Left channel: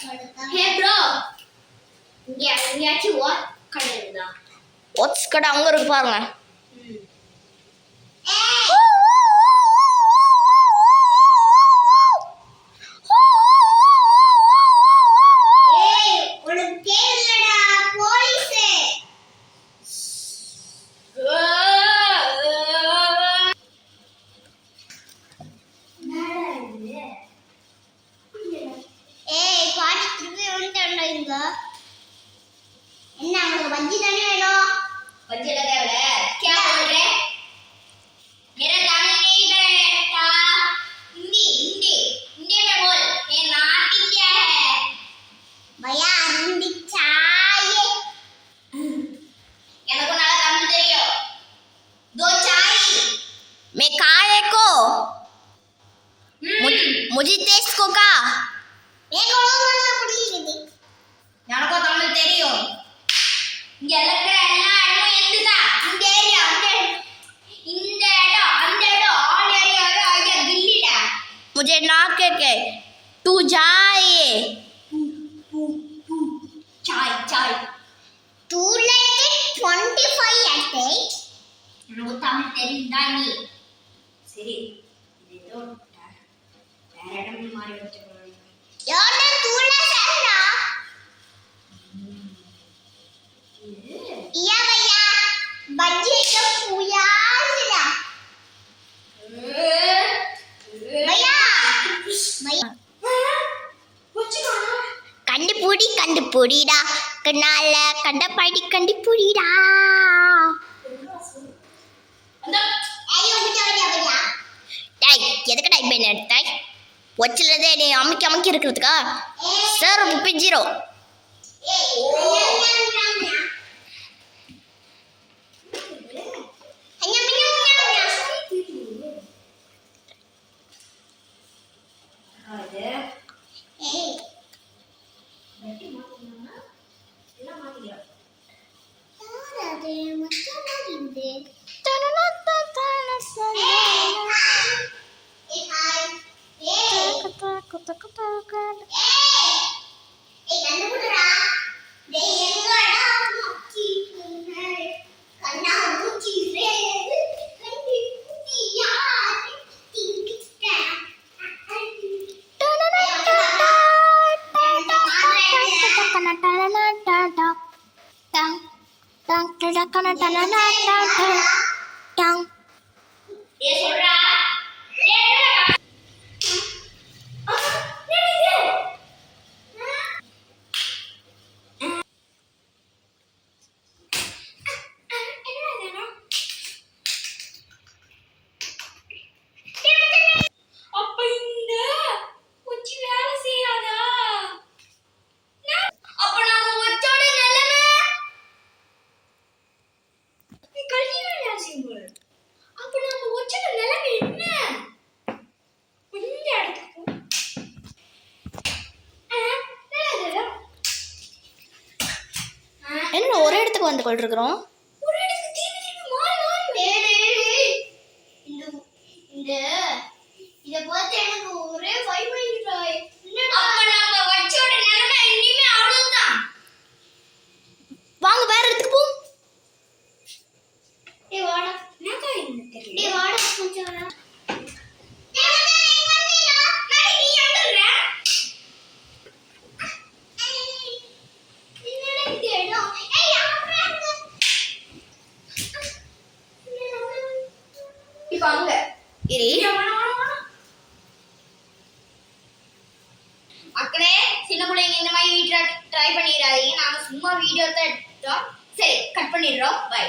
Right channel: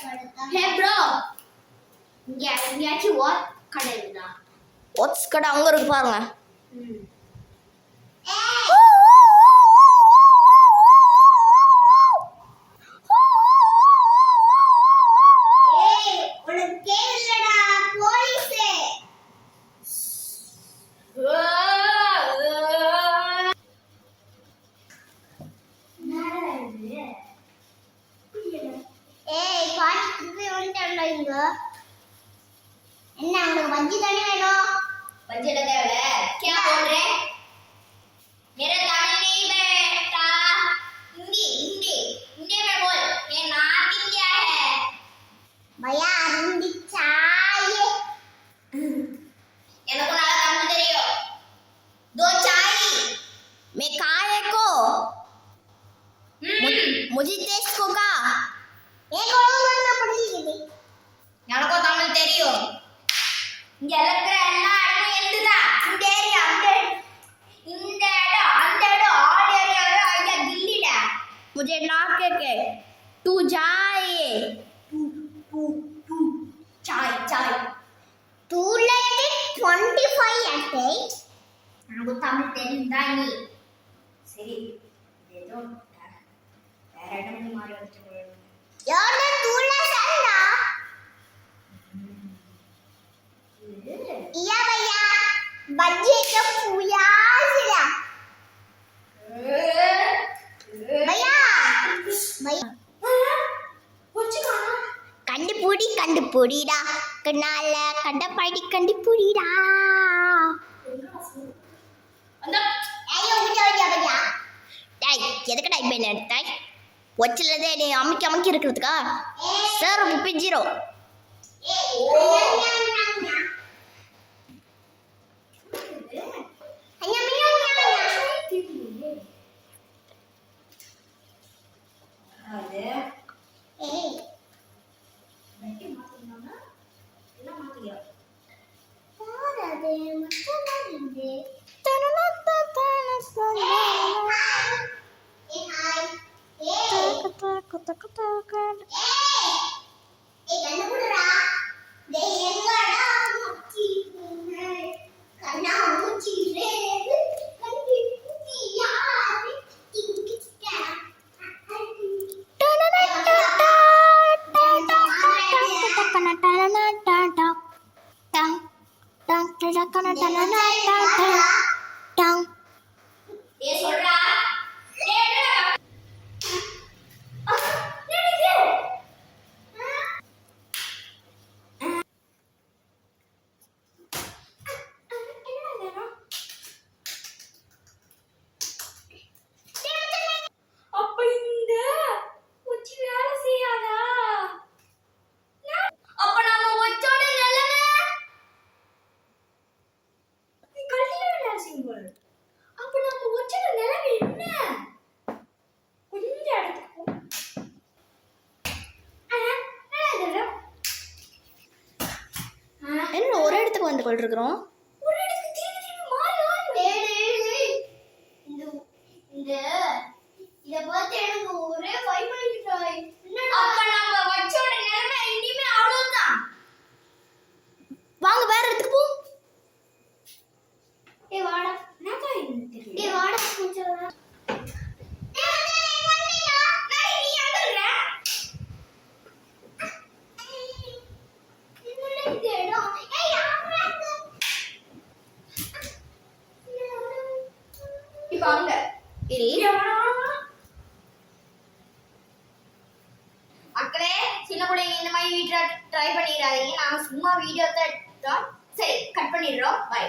Hey bro, இங்க எங்கயாச்சும் கடை இருக்குதா? ஓட்ஸ் கடை அங்க இருக்கு பாருங்க. मैं खाए को मुझे टेस्ट को का எனக்கு தமிழ் தெரியும். இங்க இருக்கிற எல்லா இடமும் எந்துதா இந்த ஏரியா இந்த இடம் அந்த இடம் ஆல் ஏரியாவே ஐயா தில்லில. मुझे ना के तू जाए चाय तू like 25 at 8 எனக்கு தமிழ் தெரியும்டா நீ. சரி இது ஏதோ வேற இடம் மாறி வச்சு யாரு தூள சன்னா या भैया बज्जी का पूजा सिरा भैया भैया கண்டுபிடிடா கண்ணால கண்டபடி கண்டுபிடிடா டேய் எதுக்கு டைப் பண்ண டேய் ஒச்சலதே நீ அமுக்கி இருக்குதுக்கா சார் 30 என்ன ஒரே இடத்துக்கு வந்து கொண்டிருக்கிறோம். வாங்க வேற இடத்துக்கு போ. மக்களே சின்ன பிள்ளைங்க இந்த மாதிரி ட்ரை பண்ணிடாதீங்க. நாங்க சும்மா வீடியோ தான் எடுத்தோம். சரி கட் பண்ணிடுறோம். பை.